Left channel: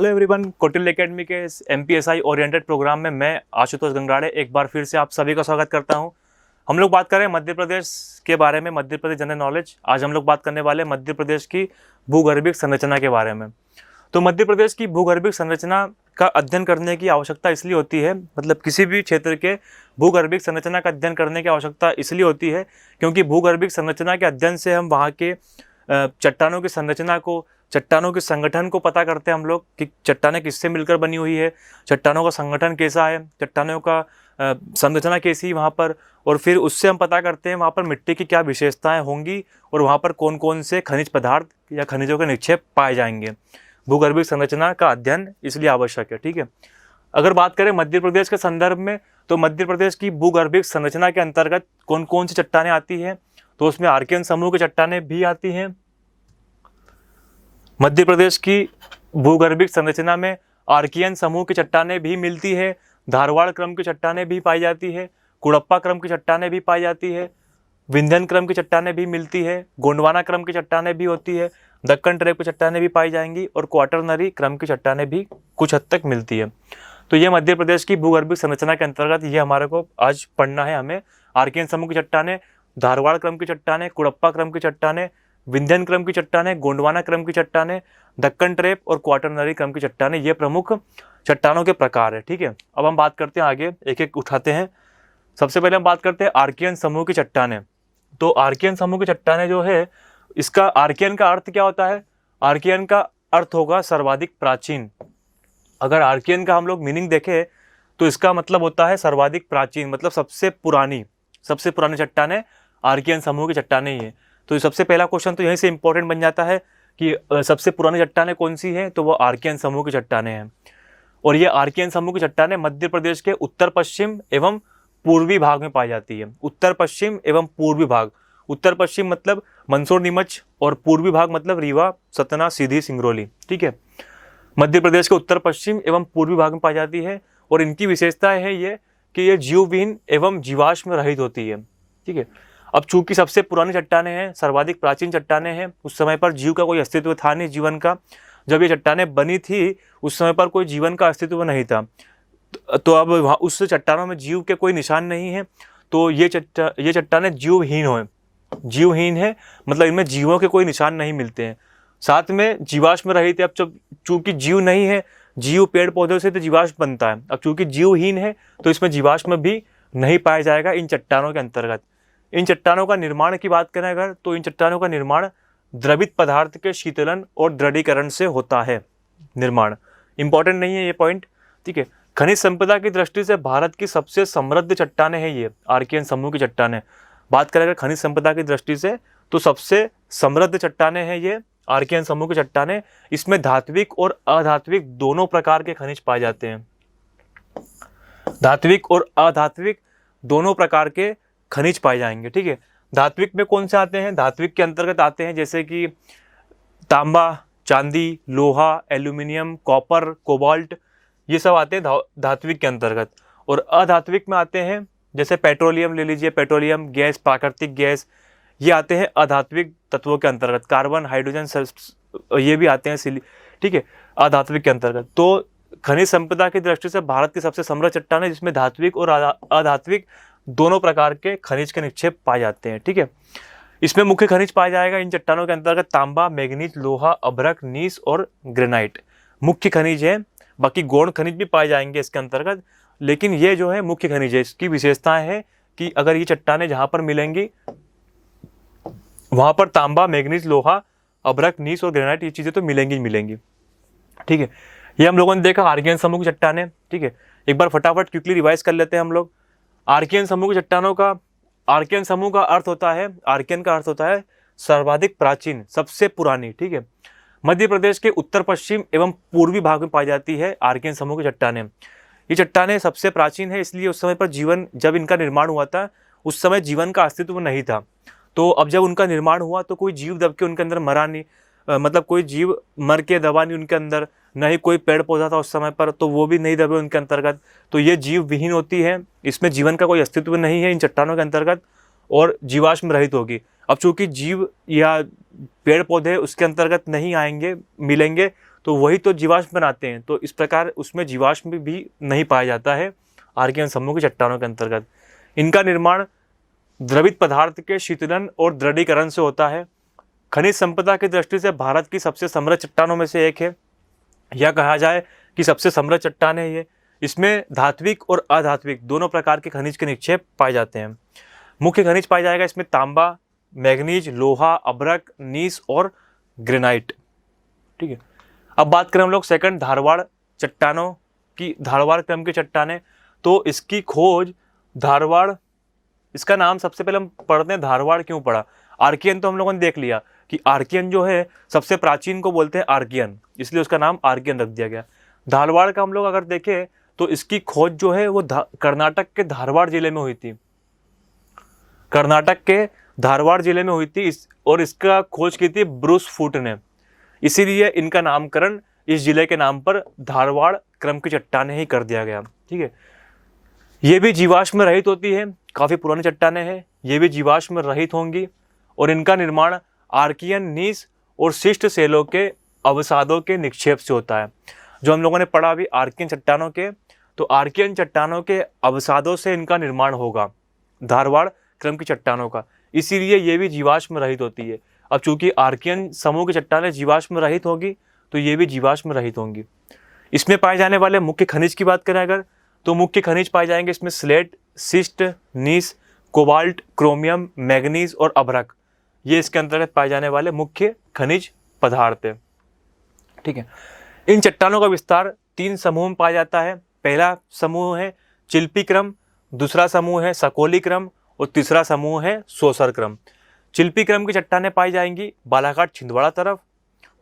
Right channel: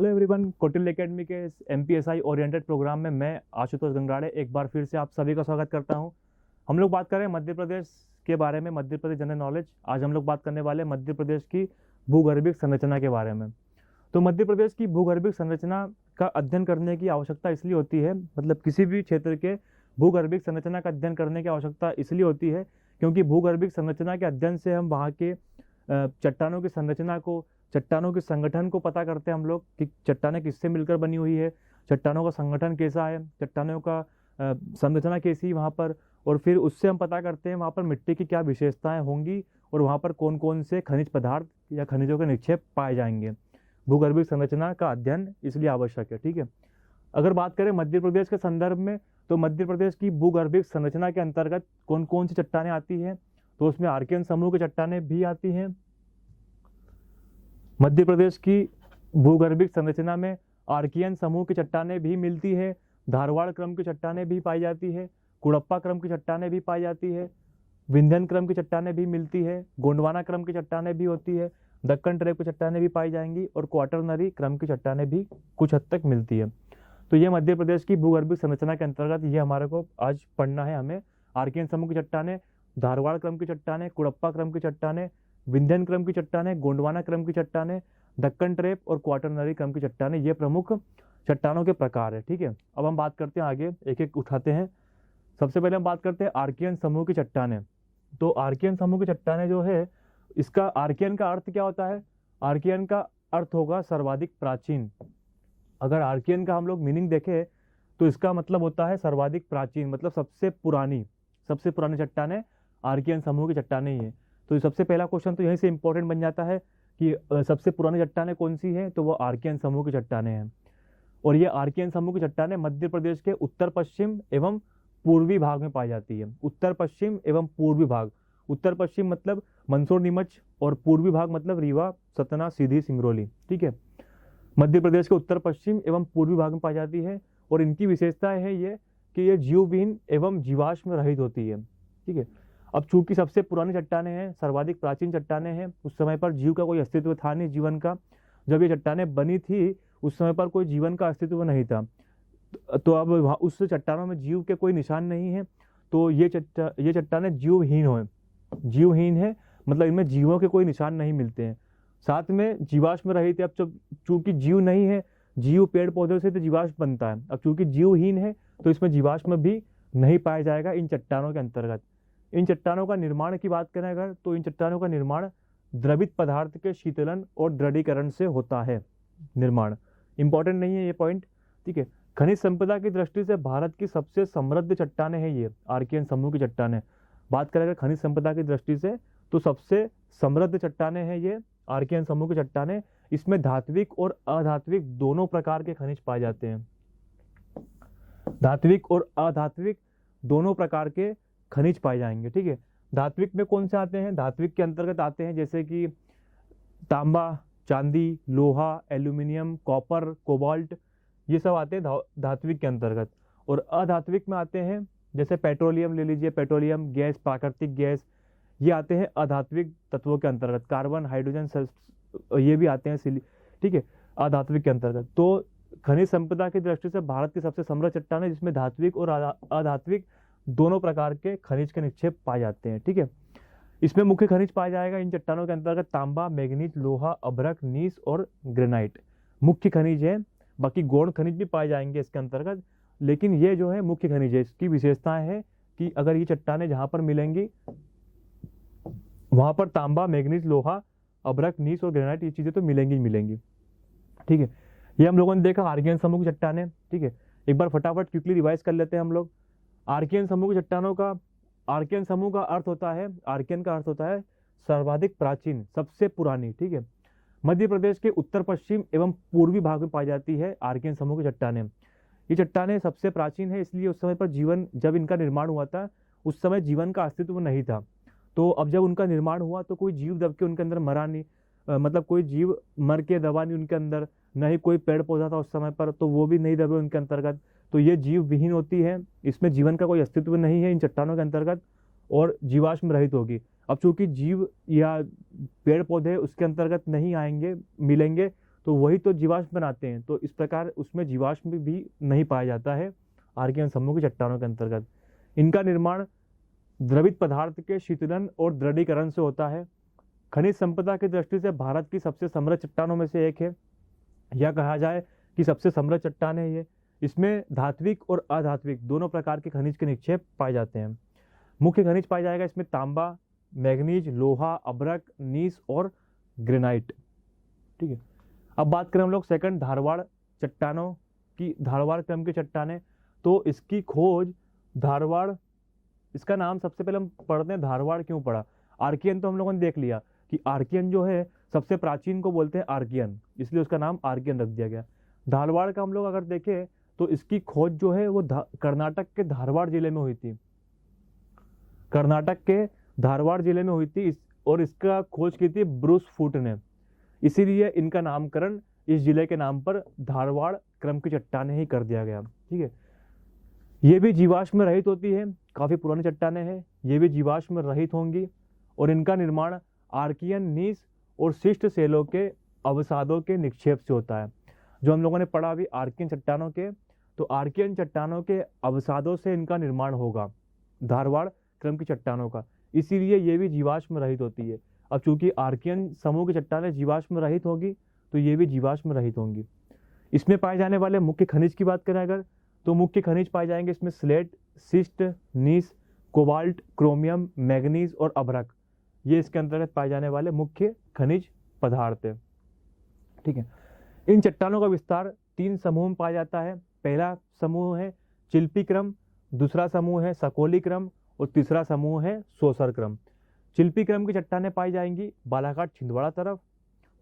Hello everyone, Kautilya academy के इस MPSI oriented program में मैं आशुतोष गंगराड़े एक बार फिर से आप सभी का स्वागत करता हूं। हम लोग बात कर रहे हैं मध्य प्रदेश के बारे में, मध्य प्रदेश जनरल नॉलेज। आज हम लोग बात करने वाले हैं मध्य प्रदेश की भूगर्भिक संरचना के बारे में। तो मध्य प्रदेश की भूगर्भिक संरचना का अध्ययन करने की आवश्यकता इसलिए होती है, मतलब किसी भी क्षेत्र के भूगर्भिक संरचना का अध्ययन करने की आवश्यकता इसलिए होती है क्योंकि भूगर्भिक संरचना के अध्ययन से हम वहाँ के चट्टानों की संरचना को, चट्टानों के संगठन को पता करते हैं हम लोग कि चट्टानें किससे मिलकर बनी हुई है, चट्टानों का संगठन कैसा है, चट्टानों का संरचना कैसी है वहाँ पर, और फिर उससे हम पता करते हैं वहाँ पर मिट्टी की क्या विशेषताएं होंगी और वहाँ पर कौन कौन से खनिज पदार्थ या खनिजों के निक्षेप पाए जाएंगे। भूगर्भिक संरचना का अध्ययन इसलिए आवश्यक है। ठीक है, अगर बात करें मध्य प्रदेश के संदर्भ में, तो मध्य प्रदेश की भूगर्भिक संरचना के अंतर्गत कौन कौन सी चट्टानें आती हैं, तो उसमें आर्कियन समूह की चट्टानें भी आती हैं। मध्य प्रदेश की भूगर्भिक संरचना में आर्कियन समूह की चट्टानें भी मिलती है, धारवाड़ क्रम की चट्टानें भी पाई जाती है, कुड़प्पा क्रम की चट्टानें भी पाई जाती है, विंध्यन क्रम की चट्टानें भी मिलती है, गोंडवाना क्रम की चट्टानें भी होती है, दक्कन ट्रेप की चट्टानें भी पाई जाएंगी और क्वाटरनरी क्रम की चट्टानें भी कुछ हद तक मिलती है। तो ये मध्य प्रदेश की भूगर्भिक संरचना के अंतर्गत ये हमारे को आज पढ़ना है। हमें आर्कियन समूह की चट्टानें, धारवाड़ क्रम की चट्टानें, कुड़प्पा क्रम की चट्टानें, विंध्यन क्रम की चट्टानें, गोंडवाना क्रम की चट्टानें, दक्कन ट्रेप और क्वाटरनरी क्रम की चट्टानें, ये प्रमुख चट्टानों के प्रकार है। ठीक है, अब हम बात करते हैं आगे, एक एक उठाते हैं। सबसे पहले हम बात करते हैं आर्कियन समूह की चट्टानें। तो आर्कियन समूह की चट्टानें जो है, इसका आर्कियन का अर्थ क्या होता है? आर्कियन का अर्थ होगा सर्वाधिक प्राचीन। अगर आर्कियन का हम लोग मीनिंग देखें तो इसका मतलब होता है सर्वाधिक प्राचीन, मतलब सबसे पुरानी चट्टानें आर्कियन समूह की चट्टानें ही है। तो सबसे पहला क्वेश्चन तो यहीं से इंपॉर्टेंट बन जाता है कि सबसे पुरानी चट्टानें कौन सी हैं, तो वो आर्कियन समूह की चट्टानें हैं। और ये आर्कियन समूह की चट्टानें मध्य प्रदेश के उत्तर पश्चिम एवं पूर्वी भाग में पाई जाती है। उत्तर पश्चिम एवं पूर्वी भाग, उत्तर पश्चिम मतलब मंदसौर नीमच और पूर्वी भाग मतलब रीवा, सतना, सीधी, सिंगरौली। ठीक है, मध्य प्रदेश के उत्तर पश्चिम एवं पूर्वी भाग में पाई जाती है और इनकी विशेषताएं है ये कि ये जीवविहीन एवं जीवाश्म रहित होती है। ठीक है, अब चूंकि सबसे पुरानी चट्टानें हैं, सर्वाधिक प्राचीन चट्टानें हैं, उस समय पर जीव का कोई अस्तित्व था नहीं, जीवन का। जब ये चट्टानें बनी थी उस समय पर कोई जीवन का अस्तित्व नहीं था। तो अब वहाँ उस चट्टानों में जीव के कोई निशान नहीं है, तो ये चट्टानें जीवहीन है, मतलब इनमें जीवों के कोई निशान नहीं मिलते हैं। साथ में जीवाश्म रहित है। अब जब चूंकि जीव नहीं है, जीव पेड़ पौधों से तो जीवाश्म बनता है, अब चूंकि जीवहीन है तो इसमें जीवाश्म भी नहीं पाया जाएगा इन चट्टानों के अंतर्गत। इन चट्टानों का निर्माण की बात करें अगर, तो इन चट्टानों का निर्माण द्रवित पदार्थ के शीतलन और दृढ़ीकरण से होता है। निर्माण इंपॉर्टेंट नहीं है ये पॉइंट। ठीक है, खनिज संपदा की दृष्टि से भारत की सबसे समृद्ध चट्टानें हैं ये आर्कियन समूह की चट्टानें। बात करें अगर खनिज संपदा की दृष्टि से, तो सबसे समृद्ध चट्टानें हैं ये आर्कियन समूह की चट्टानें। इसमें धात्विक और अधात्विक दोनों प्रकार के खनिज पाए जाते हैं। धात्विक और अधात्विक दोनों प्रकार के खनिज पाए जाएंगे। ठीक है, धात्विक में कौन से आते हैं? धात्विक के अंतर्गत आते हैं जैसे कि तांबा, चांदी, लोहा, एल्यूमिनियम, कॉपर, कोबाल्ट, ये सब आते हैं धात्विक के अंतर्गत। और अधात्विक में आते हैं जैसे पेट्रोलियम ले लीजिए, पेट्रोलियम गैस, प्राकृतिक गैस, ये आते हैं अधात्विक तत्वों के अंतर्गत। कार्बन, हाइड्रोजन, ये भी आते हैं ठीक है, अधात्विक के अंतर्गत। तो खनिज संपदा की दृष्टि से भारत की सबसे समृद्ध चट्टान है जिसमें धात्विक और अधात्विक दोनों प्रकार के खनिज के निक्षेप पाए जाते हैं। ठीक है, इसमें मुख्य खनिज पाया जाएगा इन चट्टानों के अंतर्गत तांबा, मैग्नीज, लोहा, अभ्रक, नीस और ग्रेनाइट मुख्य खनिज है। बाकी गौण खनिज भी पाए जाएंगे इसके अंतर्गत, लेकिन ये जो है मुख्य खनिज है। इसकी विशेषताएं है कि अगर ये चट्टानें जहां पर मिलेंगी वहां पर तांबा, मैग्नीज, लोहा, अभ्रक, नीस और ग्रेनाइट, ये चीजें तो मिलेंगी। ठीक है, ये हम लोगों ने देखा आर्कियन समूह की चट्टानें। ठीक है, एक बार फटाफट क्विकली रिवाइज कर लेते हैं हम लोग। आर्कियन समूह की चट्टानों का, आर्कियन समूह का अर्थ होता है, आर्कियन का अर्थ होता है सर्वाधिक प्राचीन, सबसे पुरानी। ठीक है, मध्य प्रदेश के उत्तर पश्चिम एवं पूर्वी भाग में पाई जाती है आर्कियन समूह की चट्टानें। ये चट्टानें सबसे प्राचीन है, इसलिए उस समय पर जीवन, जब इनका निर्माण हुआ था उस समय जीवन का अस्तित्व नहीं था। तो अब जब उनका निर्माण हुआ तो कोई जीव दब के उनके अंदर मरा नहीं, मतलब कोई जीव मर के दबा नहीं उनके अंदर, न ही कोई पेड़ पौधा था उस समय पर, तो वो भी नहीं दबे उनके अंतर्गत। तो ये जीव विहीन होती है, इसमें जीवन का कोई अस्तित्व नहीं है इन चट्टानों के अंतर्गत, और जीवाश्म रहित होगी। अब चूंकि जीव या पेड़ पौधे उसके अंतर्गत नहीं आएंगे, मिलेंगे, तो वही तो जीवाश्म बनाते हैं। तो इस प्रकार उसमें जीवाश्म भी नहीं पाया जाता है आर्कियन समूह की चट्टानों के अंतर्गत। इनका निर्माण द्रवित पदार्थ के शीतलन और दृढ़ीकरण से होता है। खनिज संपदा की दृष्टि से भारत की सबसे समृद्ध चट्टानों में से एक है, या कहा जाए कि सबसे समृद्ध चट्टान है ये। इसमें धात्विक और अधात्विक दोनों प्रकार के खनिज के निक्षेप पाए जाते हैं। मुख्य खनिज पाया जाएगा इसमें तांबा, मैग्नीज, लोहा, अभ्रक, नीस और ग्रेनाइट। ठीक है, अब बात करें हम लोग सेकंड धारवाड़ चट्टानों की, धारवाड़ क्रम की चट्टानें। तो इसकी खोज धारवाड़, इसका नाम सबसे पहले हम पढ़ते हैं धारवाड़ क्यों पड़ा। आर्कियन तो हम लोगों ने देख लिया कि आर्कियन जो है सबसे प्राचीन को बोलते हैं आर्कियन, इसलिए उसका नाम आर्कियन रख दिया गया। धारवाड़ का हम लोग अगर देखें तो इसकी खोज जो है वो कर्नाटक के धारवाड़ जिले में हुई थी, कर्नाटक के धारवाड़ जिले में हुई थी और इसका खोज की थी ब्रूस फूट ने। इसीलिए इनका नामकरण इस जिले के नाम पर धारवाड़ क्रम की चट्टानें ही कर दिया गया। ठीक है, ये भी जीवाश्म रहित होती है, काफ़ी पुरानी चट्टानें हैं, ये भी जीवाश्म रहित होंगी और इनका निर्माण आर्कियन नीस और शिष्ट सेलों के अवसादों के निक्षेप से होता है। जो हम लोगों ने पढ़ा अभी आर्कियन चट्टानों के, तो आर्कियन चट्टानों के अवसादों से इनका निर्माण होगा धारवाड़ क्रम की चट्टानों का, इसीलिए ये भी जीवाश्म रहित होती है। अब चूंकि आर्कियन समूह की चट्टानें जीवाश्म रहित होगी तो ये भी जीवाश्म रहित होंगी। इसमें पाए जाने वाले मुख्य खनिज की बात करें अगर, तो मुख्य खनिज पाए जाएंगे इसमें स्लेट, शिस्ट, नीस, कोबाल्ट, क्रोमियम, मैग्नीज और अभ्रक। ये इसके अंतर्गत पाए जाने वाले मुख्य खनिज पदार्थ है। ठीक है, इन चट्टानों का विस्तार 3 समूह में पाया जाता है। पहला समूह है चिल्पी क्रम, दूसरा समूह है सकोली क्रम और तीसरा समूह है सोसर क्रम। चिल्पी क्रम की चट्टानें पाई जाएंगी बालाघाट छिंदवाड़ा तरफ,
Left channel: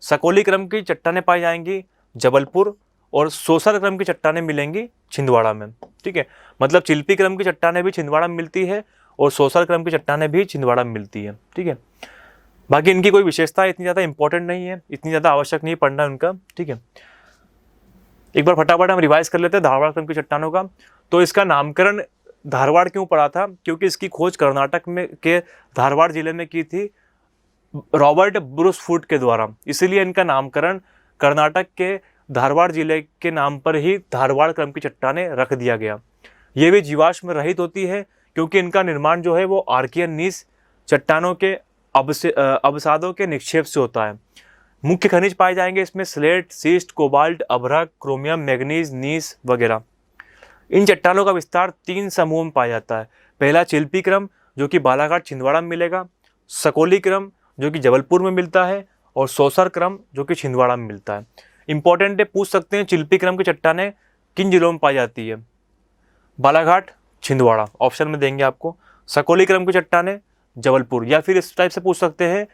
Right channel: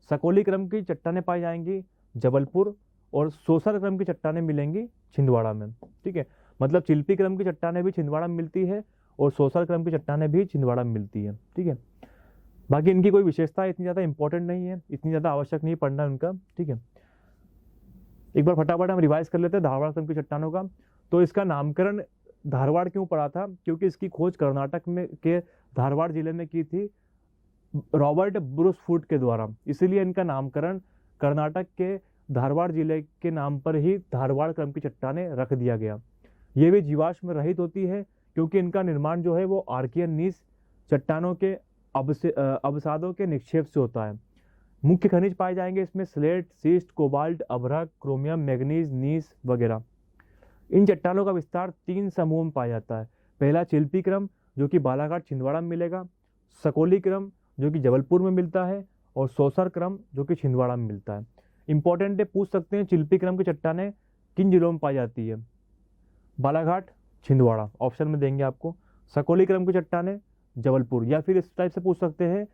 सकोली क्रम की चट्टानें पाई जाएंगी जबलपुर और सोसर क्रम की चट्टानें मिलेंगी छिंदवाड़ा में। ठीक है, मतलब चिल्पी क्रम की चट्टानें भी छिंदवाड़ा में मिलती है और सोसर क्रम की चट्टानें भी छिंदवाड़ा में मिलती है। ठीक है, बाकी इनकी कोई विशेषता इतनी ज़्यादा इंपॉर्टेंट नहीं है, इतनी ज़्यादा आवश्यक नहीं पढ़ना उनका। ठीक है, एक बार फटाफट हम रिवाइज कर लेते हैं धारवाड़ क्रम की चट्टानों का। तो इसका नामकरण धारवाड़ क्यों पड़ा था, क्योंकि इसकी खोज कर्नाटक में के धारवाड़ जिले में की थी रॉबर्ट ब्रूस फूट के द्वारा, इसीलिए इनका नामकरण कर्नाटक के धारवाड़ जिले के नाम पर ही धारवाड़ क्रम की चट्टानें रख दिया गया। ये भी जीवाश्म रहित होती है क्योंकि इनका निर्माण जो है वो आर्कियन नीस चट्टानों के अवसादों के निक्षेप से होता है। मुख्य खनिज पाए जाएंगे इसमें स्लेट, शिस्ट, कोबाल्ट, अभ्रक, क्रोमियम, मैग्नीज, नीस वगैरह। इन चट्टानों का विस्तार 3 समूह में पाया जाता है। पहला चिल्पी क्रम जो कि बालाघाट छिंदवाड़ा में मिलेगा, सकोली क्रम जो कि जबलपुर में मिलता है और सोसर क्रम जो कि छिंदवाड़ा में मिलता है। इंपॉर्टेंट है, पूछ सकते हैं चिल्पी क्रम की चट्टानें किन जिलों में पाई जाती है, बालाघाट, छिंदवाड़ा ऑप्शन में देंगे आपको। सकोली क्रम की चट्टानें जबलपुर, या फिर इस टाइप से पूछ सकते हैं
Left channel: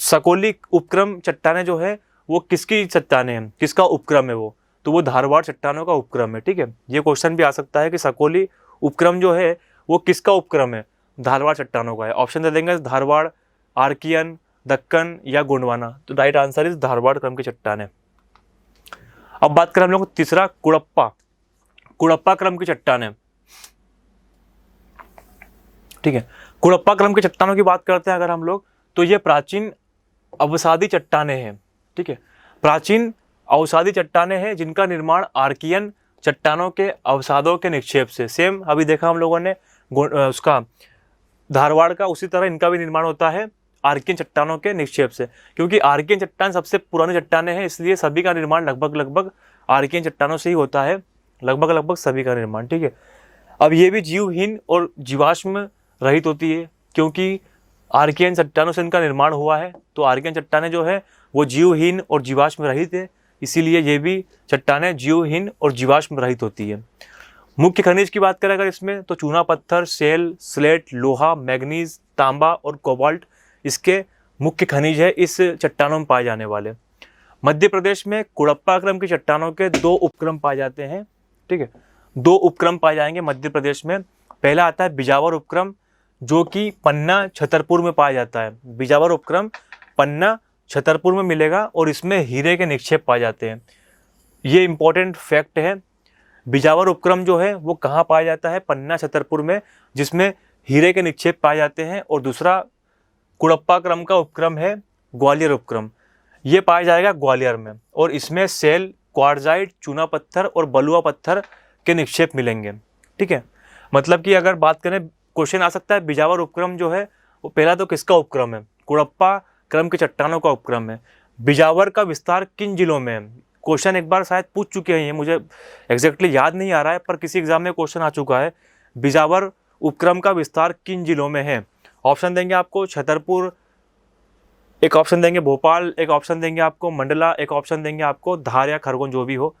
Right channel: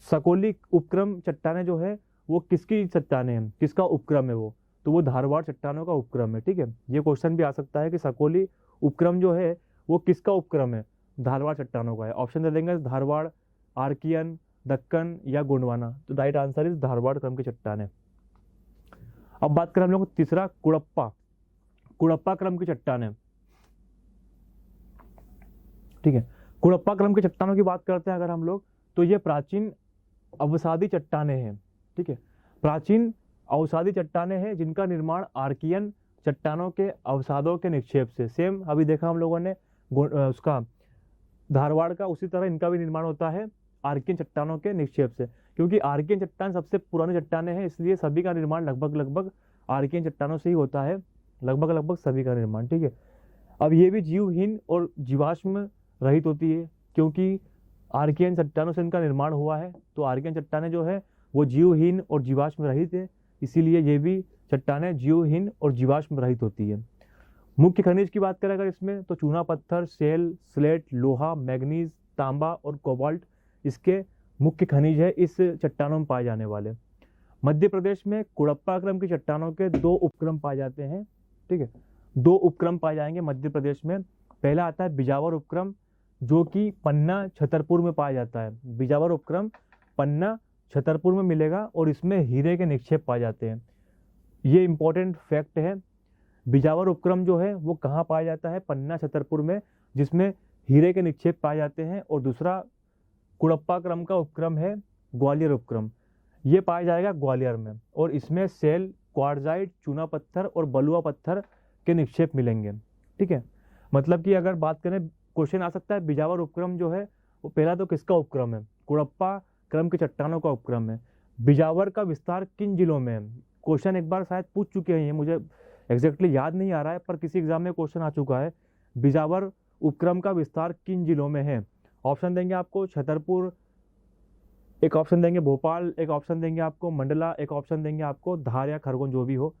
सकोली उपक्रम चट्टानें जो है वो किसकी चट्टानें हैं, किसका उपक्रम है वो, तो वो धारवाड़ चट्टानों का उपक्रम है। ठीक है, ये क्वेश्चन भी आ सकता है कि सकोली उपक्रम जो है वो किसका उपक्रम है, धारवाड़ चट्टानों का है। ऑप्शन दे देंगे धारवाड़, आर्कियन, दक्कन या गोंडवाना। तो राइट आंसर इज धारवाड़ क्रम की चट्टानें। अब बात करें हम लोग तीसरा कुड़प्पा क्रम की चट्टानें। ठीक है, कुड़प्पा क्रम की चट्टानों की बात करते हैं अगर हम लोग, तो ये प्राचीन अवसादी चट्टानें हैं। ठीक है, प्राचीन अवसादी चट्टानें हैं जिनका निर्माण आर्कियन चट्टानों के अवसादों के निक्षेप से, सेम अभी देखा हम लोगों ने उसका धारवाड़ का, उसी तरह इनका भी निर्माण होता है आर्कियन चट्टानों के निक्षेप से। क्योंकि आर्कियन चट्टान सबसे पुरानी चट्टानें हैं, इसलिए सभी का निर्माण लगभग आर्कियन चट्टानों से ही होता है, लगभग सभी का निर्माण। ठीक है, अब ये भी जीवहीन और जीवाश्म रहित होती है क्योंकि आर्कियन चट्टानों से इनका निर्माण हुआ है। तो आर्कियन चट्टानें जो है वो जीवहीन और जीवाश्म रहित है, इसीलिए ये भी चट्टानें जीवहीन और जीवाश्म रहित होती है। मुख्य खनिज की बात करें अगर इसमें, तो चूना पत्थर, सेल, स्लेट, लोहा, मैग्नीज, तांबा और कोबाल्ट इसके मुख्य खनिज है इस चट्टानों में पाए जाने वाले। मध्य प्रदेश में कुड़प्पा क्रम की चट्टानों के 2 उपक्रम पाए जाते हैं। ठीक है, 2 उपक्रम पाए जाएंगे मध्य प्रदेश में। पहला आता है बिजावर उपक्रम जो कि पन्ना छतरपुर में पाया जाता है। बिजावर उपक्रम पन्ना छतरपुर में मिलेगा और इसमें हीरे के निक्षेप पाए जाते हैं। ये इंपॉर्टेंट फैक्ट है। बिजावर उपक्रम जो है वो कहाँ पाया जाता है, पन्ना छतरपुर में, जिसमें हीरे के निक्षेप पाए जाते हैं। और दूसरा कुड़प्पा क्रम का उपक्रम है ग्वालियर उपक्रम। ये पाया जाएगा ग्वालियर में, और इसमें सेल, क्वार्जाइट, चूना पत्थर और बलुआ पत्थर के निक्षेप मिलेंगे। ठीक है, मतलब कि अगर बात करें, क्वेश्चन आ सकता है बिजावर उपक्रम जो है वो पहला तो किसका उपक्रम है? कुड़प्पा क्रम की चट्टानों का उपक्रम है। बिजावर का विस्तार किन जिलों में है? क्वेश्चन एक बार शायद पूछ चुके हैं, ये मुझे एग्जैक्टली याद नहीं आ रहा है, पर किसी एग्जाम में क्वेश्चन आ चुका है। बिजावर उपक्रम का विस्तार किन जिलों में है? ऑप्शन देंगे आपको छतरपुर, एक ऑप्शन देंगे भोपाल, एक ऑप्शन देंगे आपको मंडला, एक ऑप्शन देंगे आपको धार या खरगोन, जो भी हो।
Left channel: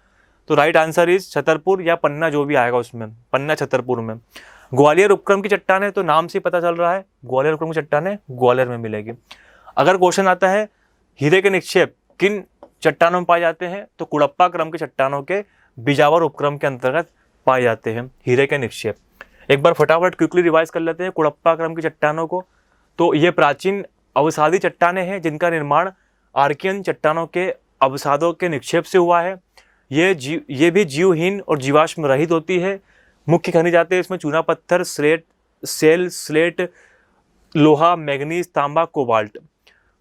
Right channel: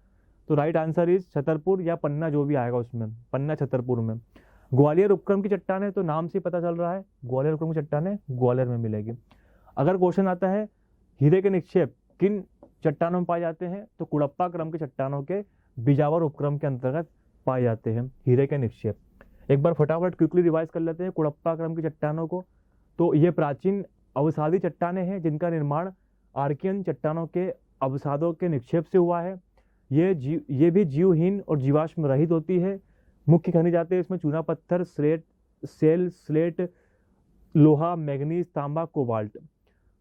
तो राइट आंसर इज छतरपुर या पन्ना, जो भी आएगा उसमें, पन्ना छतरपुर में। ग्वालियर उपक्रम की चट्टानें, तो नाम से पता चल रहा है ग्वालियर उपक्रम की चट्टानें ग्वालियर में मिलेगी। अगर क्वेश्चन आता है हीरे के निक्षेप किन चट्टानों में पाए जाते हैं, तो कुड़प्पा क्रम की चट्टानों के बिजावर उपक्रम के अंतर्गत पाए जाते हैं हीरे के निक्षेप। एक बार फटाफट क्विकली रिवाइज कर लेते हैं कुड़प्पा क्रम की चट्टानों को। तो ये प्राचीन अवसादी चट्टानें हैं जिनका निर्माण आर्कियन चट्टानों के अवसादों के निक्षेप से हुआ है। ये भी जीवहीन और जीवाश्म रहित होती है। मुख्य खनिज आते हैं इसमें चूना पत्थर, सेल, स्लेट, लोहा, मैग्नीज, तांबा, कोबाल्ट।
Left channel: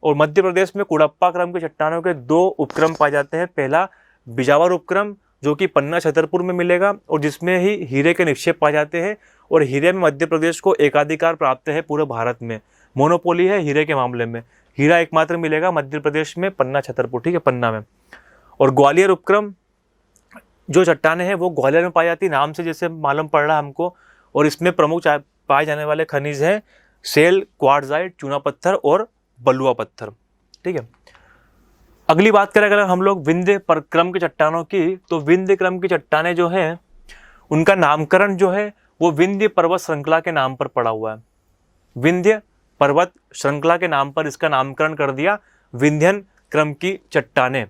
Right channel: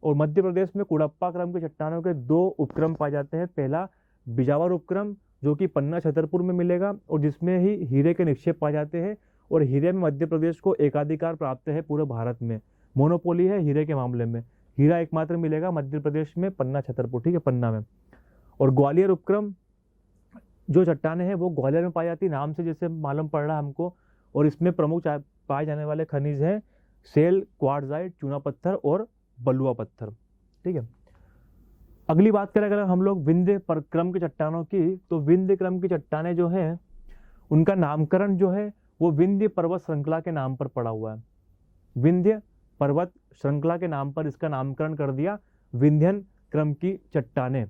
और मध्य प्रदेश में कुड़प्पा क्रम के चट्टानों के 2 उपक्रम पाए जाते हैं। पहला बिजावर उपक्रम जो कि पन्ना छतरपुर में मिलेगा और जिसमें ही हीरे के निक्षेप पाए जाते हैं, और हीरे में मध्य प्रदेश को एकाधिकार प्राप्त है पूरे भारत में। मोनोपोली है हीरे के मामले में, हीरा एकमात्र मिलेगा मध्य प्रदेश में, पन्ना छतरपुर, ठीक है, पन्ना में। और ग्वालियर उपक्रम जो चट्टानें हैं वो ग्वालियर में पाई जाती है, नाम से जैसे मालूम पड़ रहा है हमको। और इसमें प्रमुख पाए जाने वाले खनिज हैं सेल, क्वार्जाइट, चूना पत्थर और बलुआ पत्थर। ठीक है, अगली बात करें अगर हम लोग विंध्य क्रम की चट्टानों की, तो विंध्य क्रम की चट्टानें जो हैं उनका नामकरण जो है वो विंध्य पर्वत श्रृंखला के नाम पर पड़ा हुआ है। विंध्य पर्वत श्रृंखला के नाम पर इसका नामकरण कर दिया विंध्यन क्रम की चट्टानें।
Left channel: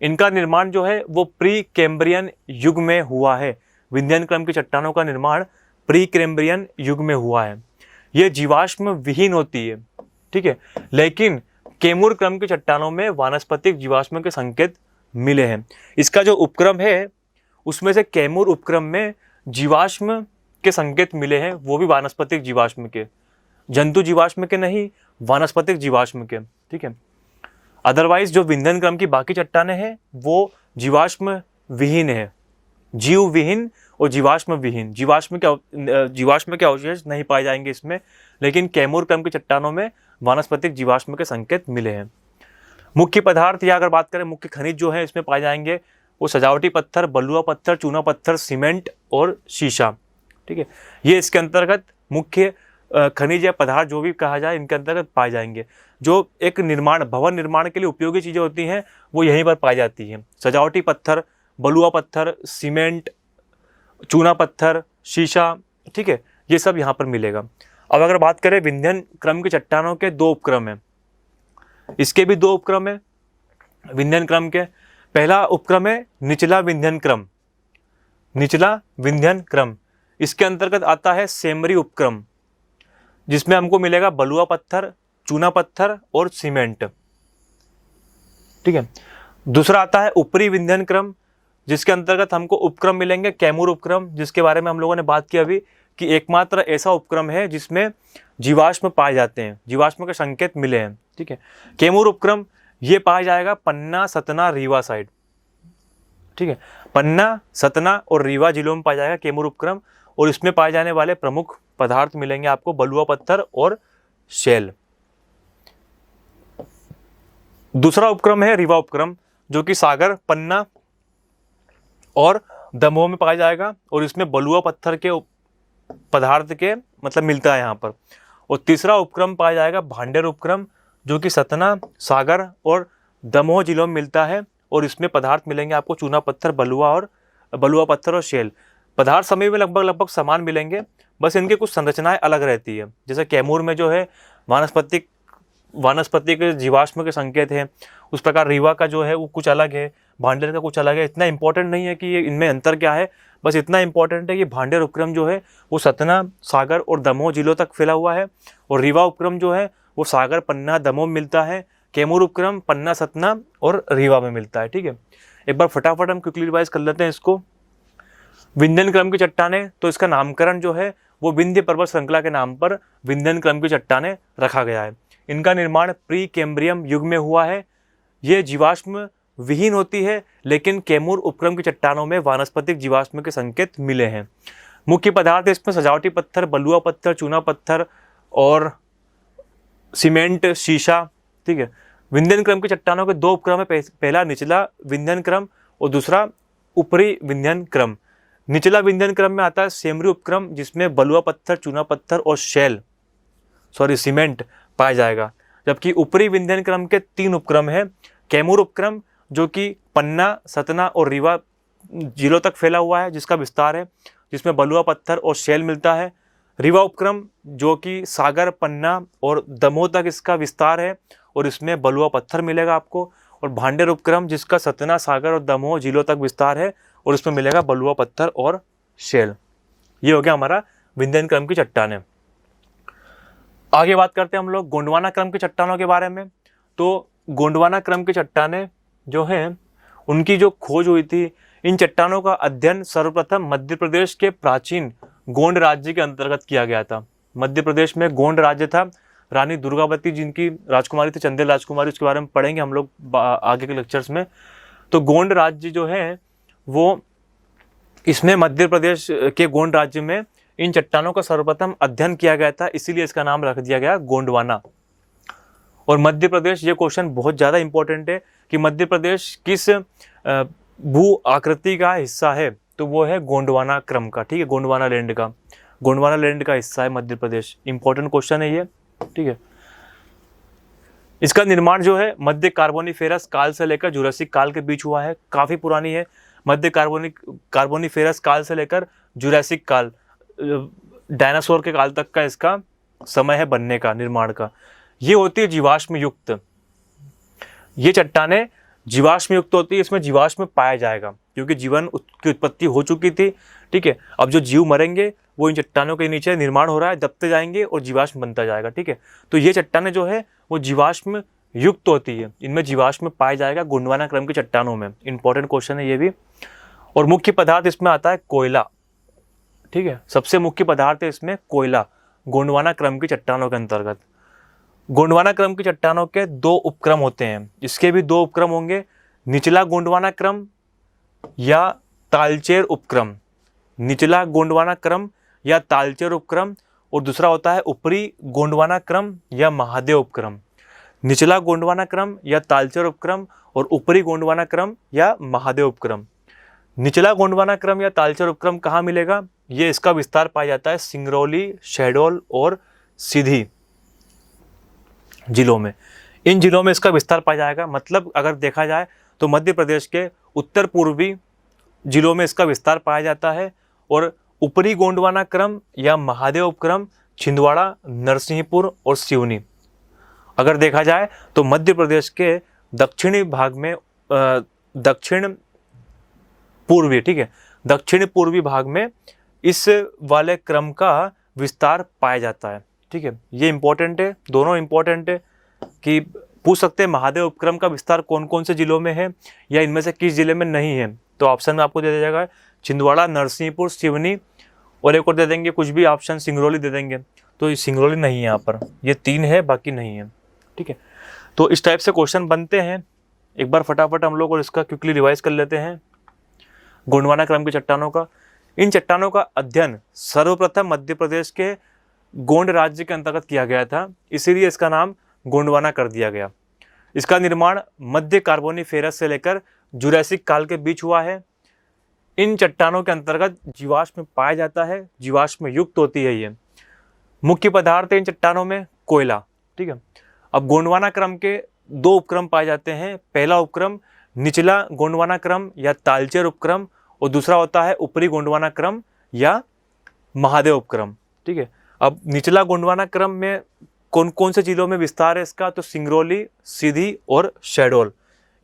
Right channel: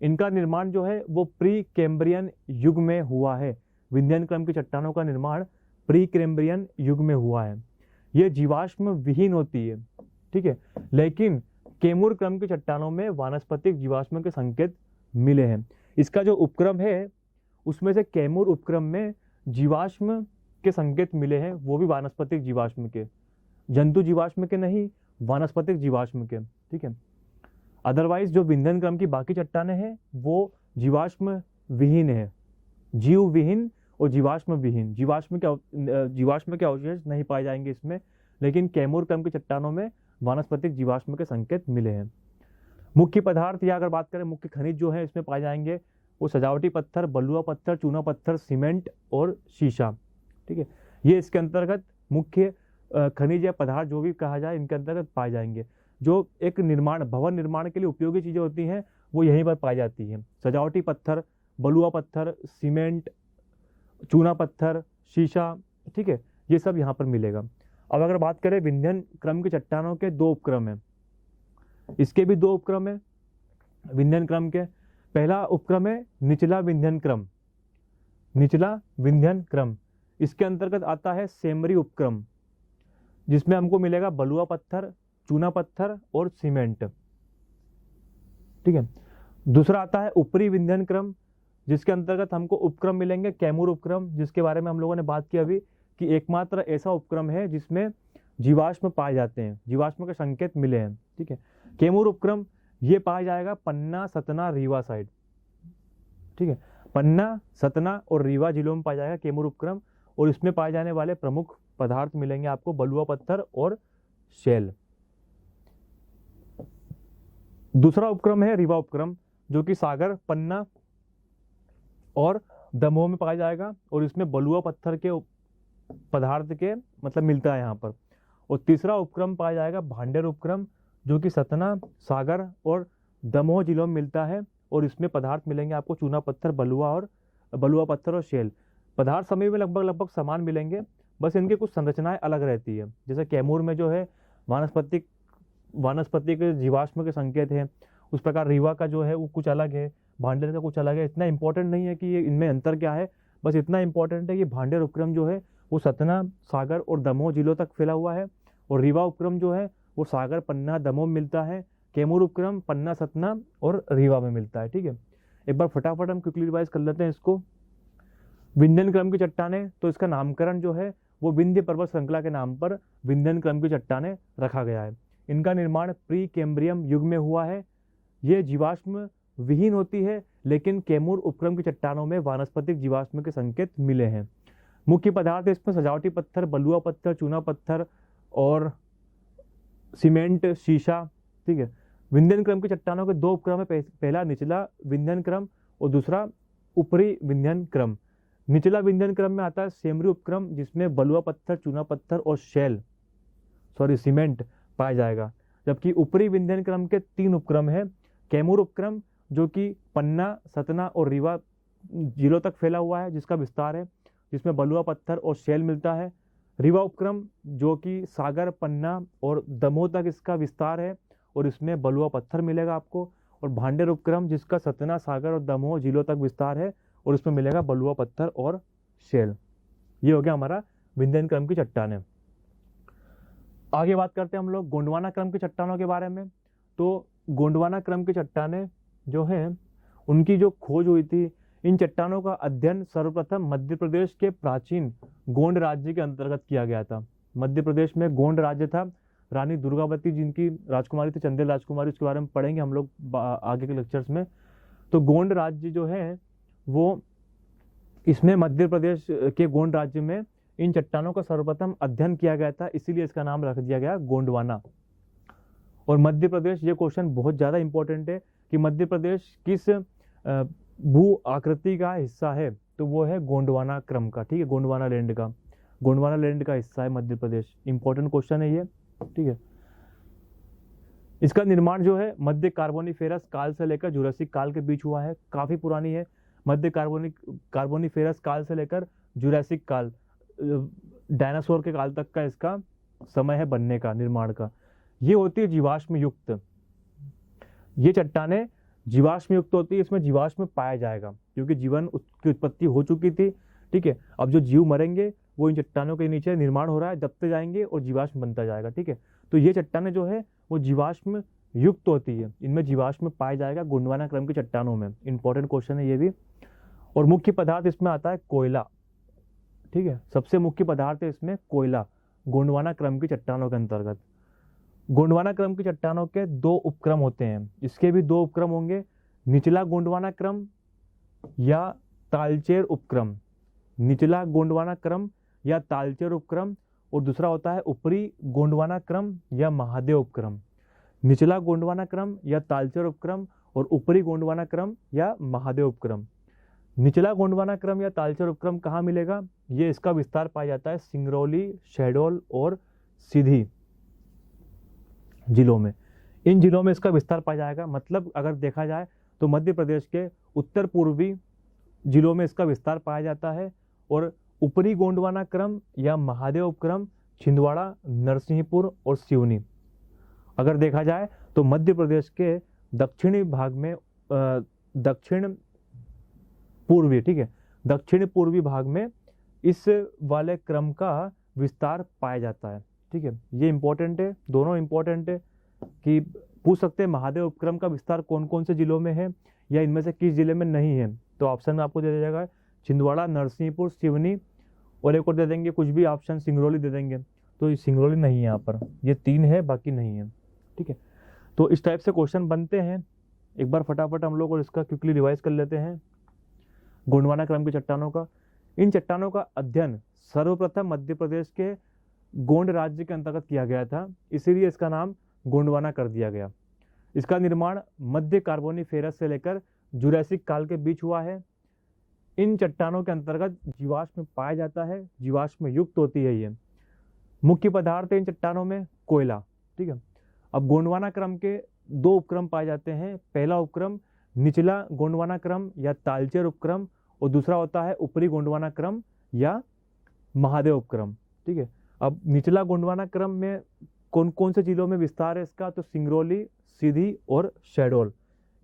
इनका निर्माण जो है वो प्री कैम्ब्रियन युग में हुआ है। विंध्यन क्रम की चट्टानों का निर्माण प्री कैम्ब्रियन युग में हुआ है। ये जीवाश्म विहीन होती है, ठीक है, लेकिन कैमूर क्रम की चट्टानों में वानस्पतिक जीवाश्म के संकेत मिले हैं। इसका जो उपक्रम है उसमें से कैमूर उपक्रम में जीवाश्म के संकेत मिले हैं, वो भी वानस्पतिक जीवाश्म के, जंतु जीवाश्म के नहीं, वानस्पतिक जीवाश्म के। ठीक है, अदरवाइज जो विंध्यन क्रम की बाकी चट्टानें हैं वो जीवाश्म विहीन है, जीव विहीन और जीवाश्म विहीन। जीवाश्म के अवशेष नहीं पाए जाएंगे इसमें, लेकिन कैमूर क्रम की चट्टानों में वानस्पतिक जीवाश्म के संकेत मिले हैं। मुख्य पदार्थ या अगर बात करें मुख्य खनिज जो है इसमें पाए जाएंगे वो सजावटी पत्थर, बलुआ पत्थर, चूना पत्थर, सीमेंट और शीशा। ठीक है, ये इसके अंतर्गत मुख्य खनिज या पदार्थ जो भी कहा जाए इनके अंतर्गत पाए जाएंगे। जो एक भवन निर्माण के लिए उपयोगी चीज़ें होती हैं वो यहीं पर पाई जाती हैं। सजावटी पत्थर, बलुआ पत्थर, सीमेंट, चूना पत्थर, शीशा, ठीक है, ये सब यहाँ पर मिलेगा। अब अगर बात करें विंध्यन क्रम की चट्टानों के 2 उपक्रम हैं, इसके भी 2 उपक्रम है विंध्यन क्रम के। पहला उपक्रम है निचला विंध्यन क्रम, निचला विंध्यन क्रम। इसके अंतर्गत आता है सेमरी उपक्रम जिसमें हमको मिलेगा बलुआ पत्थर, चूना पत्थर और सीमेंट। ठीक है, दूसरा आता है ऊपरी विंध्यन क्रम जिसके अंतर्गत हमको उपक्रम मिलेंगे कैमूर उपक्रम, जिसके बारे में हम लोगों ने बात की अभी कि एकमात्र ऐसा उपक्रम है जिसमें जीवाश्म पाए जाते हैं, जीवाश्म के संकेत मिले हैं। ठीक है, कैमूर उपक्रम ये पाया जाएगा पन्ना, सतना, रीवा साइड। ठीक है, पन्ना, सतना और रीवा जिलों में पाया जाएगा कैमूर उपक्रम, और इसमें पाए जाने वाले प्रमुख पदार्थ मिलेंगे आपको बलुआ पत्थर और शेल। दूसरा उपक्रम है रीवा उपक्रम जो कि सागर, पन्ना और दमोह में पाया जाएगा, और इसमें बलुआ पत्थर के पदार्थ के मतलब मिलता है यहाँ पर। और तीसरा उपक्रम पाया जाएगा भांडेर उपक्रम जो कि सतना, सागर और दमोह जिलों में मिलता है, और इसमें पदार्थ मिलेंगे आपको चूना पत्थर, बलुआ पत्थर और शेल। पदार्थ समय में लगभग समान मिलेंगे, बस इनके कुछ संरचनाएं अलग रहती है। जैसे कैमूर में जो है वानस्पतिक जीवाश्म के संकेत हैं, उस प्रकार रीवा का जो है वो कुछ अलग है, भांडेर का कुछ अलग है। इतना इंपॉर्टेंट नहीं है कि ये इनमें अंतर क्या है, बस इतना इंपॉर्टेंट है कि भांडेर उपक्रम जो है वो सतना, सागर और दमोह जिलों तक फैला हुआ है, और रीवा उपक्रम जो है वो सागर, पन्ना, दमोह में मिलता है। कैमूर उपक्रम पन्ना, सतना और रीवा में मिलता है। ठीक है, एक बार फटाफट हम क्विकली रिवाइज कर लेते हैं इसको। विंध्यन क्रम की चट्टानें, तो इसका नामकरण जो है वो विंध्य पर्वत श्रृंखला के नाम पर विंध्यन क्रम की चट्टानें रखा गया है। इनका निर्माण प्री कैम्ब्रियम युग में हुआ है। ये जीवाश्म विहीन होती है, लेकिन कैमूर उपक्रम की चट्टानों में वानस्पतिक जीवाश्म के संकेत मिले हैं। मुख्य पदार्थ इसमें सजावटी पत्थर, बलुआ पत्थर, चूना पत्थर और सीमेंट, शीशा। ठीक है। विंध्यन क्रम की चट्टानों के दो उपक्रम है, पहला निचला विंध्यन क्रम और दूसरा ऊपरी विंध्यन क्रम। निचला विंध्यन क्रम में आता है सेमरी उपक्रम, जिसमें बलुआ पत्थर, चूना पत्थर और सीमेंट पाया जाएगा। जबकि ऊपरी विंध्यन क्रम के 3 उपक्रम है। कैमूर उपक्रम जो कि पन्ना, सतना और रीवा जिलों तक फैला हुआ है, जिसका विस्तार है, जिसमें बलुआ पत्थर और शैल मिलता है। रीवा उपक्रम जो कि सागर, पन्ना और दमोह तक इसका विस्तार है और इसमें बलुआ पत्थर मिलेगा आपको। और भांडेर उपक्रम जिसका सतना, सागर और दमोह जिलों तक विस्तार है और इसमें मिलेगा बलुआ पत्थर और शैल। ये हो गया हमारा विंध्यन क्रम की चट्टानें। आगे बात करते हैं हम लोग गोंडवाना क्रम की चट्टानों के बारे में। तो गोंडवाना क्रम की चट्टानें जो हैं उनकी जो खोज हुई थी, इन चट्टानों का अध्ययन सर्वप्रथम मध्य प्रदेश के प्राचीन गोंड राज्य के अंतर्गत किया गया था। मध्य प्रदेश में गोंड राज्य था, रानी दुर्गावती जिनकी राजकुमारी थी, चंदेल राजकुमारी, उसके बारे में पढ़ेंगे हम लोग आगे के लेक्चर्स में। तो गोंड राज्य जो है वो, इसमें मध्य प्रदेश के गोंड राज्य में इन चट्टानों का सर्वप्रथम अध्ययन किया गया था, इसीलिए इसका नाम रख दिया गया गोंडवाना। और मध्य प्रदेश, ये क्वेश्चन बहुत ज़्यादा इंपॉर्टेंट है कि मध्य प्रदेश किस भू आकृति का हिस्सा है, तो वो है गोंडवाना क्रम का। ठीक है, गोंडवाना लैंड का हिस्सा है मध्य प्रदेश। इंपॉर्टेंट क्वेश्चन है ये। ठीक है। इसका निर्माण जो है मध्य कार्बोनिफेरस काल से लेकर जुरासिक काल के बीच हुआ है, काफ़ी पुरानी है। मध्य कार्बोनिफेरस काल से लेकर जुरासिक काल, डायनासोर के काल तक का इसका समय है बनने का, निर्माण का। ये होती है जीवाश्म युक्त। ये चट्टानें जीवाश्म युक्त होती है, इसमें जीवाश्म पाया जाएगा क्योंकि जीवन की उत्पत्ति हो चुकी थी। ठीक है। अब जो जीव मरेंगे वो इन चट्टानों के नीचे निर्माण हो रहा है, दबते जाएंगे और जीवाश्म बनता जाएगा। ठीक है। तो ये चट्टानें जो है वो जीवाश्म युक्त होती है, इनमें जीवाश्म पाया जाएगा गोंडवाना क्रम की चट्टानों में। इंपॉर्टेंट क्वेश्चन है ये भी। और मुख्य पदार्थ इसमें आता है कोयला। ठीक है, सबसे मुख्य पदार्थ है इसमें कोयला, गोंडवाना क्रम की चट्टानों के अंतर्गत। गोंडवाना क्रम की चट्टानों के 2 उपक्रम होते हैं, इसके भी 2 उपक्रम होंगे, निचला गोंडवाना क्रम या तालचेर उपक्रम। निचला गोंडवाना क्रम या तालचेर उपक्रम, और दूसरा होता है ऊपरी गोंडवाना क्रम या महादेव उपक्रम। निचला गोंडवाना क्रम या तालचेर उपक्रम और ऊपरी गोंडवाना क्रम या महादेव उपक्रम। निचला गोंडवाना क्रम या तालचेर उपक्रम कहाँ मिलेगा? ये इसका विस्तार पाया जाता है सिंगरौली, शहडोल और सीधी जिलों में। इन जिलों में इसका विस्तार पाया जाएगा। मतलब अगर देखा जाए तो मध्य प्रदेश के उत्तर पूर्वी जिलों में इसका विस्तार पाया जाता है। और ऊपरी गोंडवाना क्रम या महादेव उपक्रम छिंदवाड़ा, नरसिंहपुर और सिवनी। अगर देखा जाए तो मध्य प्रदेश के दक्षिणी भाग में दक्षिण पूर्वी भाग में इस वाले क्रम का विस्तार पाया जाता है। ठीक है, ये इंपॉर्टेंट है, दोनों इंपॉर्टेंट है कि पूछ सकते हैं महादेव उपक्रम का विस्तार कौन कौन से जिलों में है या इनमें से किस जिले में नहीं है। तो ऑप्शन में आपको दे दिया जाएगा छिंदवाड़ा, नरसिंहपुर, सिवनी और एक और दे देंगे कुछ भी ऑप्शन, सिंगरौली दे देंगे। तो सिंगरौली नहीं है यहाँ पर, ये 3 है, बाकी नहीं है। ठीक है, तो इस टाइप से क्वेश्चन बनते हैं। एक बार फटाफट हम लोग और इसका क्विकली रिवाइज कर लेते हैं गोंडवाना क्रम की चट्टानों का। इन चट्टानों का अध्ययन सर्वप्रथम मध्य प्रदेश के गोंड राज्य के अंतर्गत किया गया था, इसीलिए इसका नाम गोंडवाना कर दिया गया। इसका निर्माण मध्य कार्बोनिफेरस से लेकर जुरासिक काल के बीच हुआ है। इन चट्टानों के अंतर्गत जीवाश्म पाया जाता है, जीवाश्म युक्त होती है ये। मुख्य पदार्थ है इन चट्टानों में कोयला। ठीक है, अब गोंडवाना क्रम के 2 उपक्रम पाए जाते हैं। पहला उपक्रम निचला गोंडवाना क्रम या तालचेर उपक्रम और दूसरा होता है ऊपरी गोंडवाना क्रम या महादेव उपक्रम। ठीक है, अब निचला गोंडवाना क्रम में कौन कौन से जिलों में विस्तार है इसका? तो सिंगरौली, सीधी और शहडोल,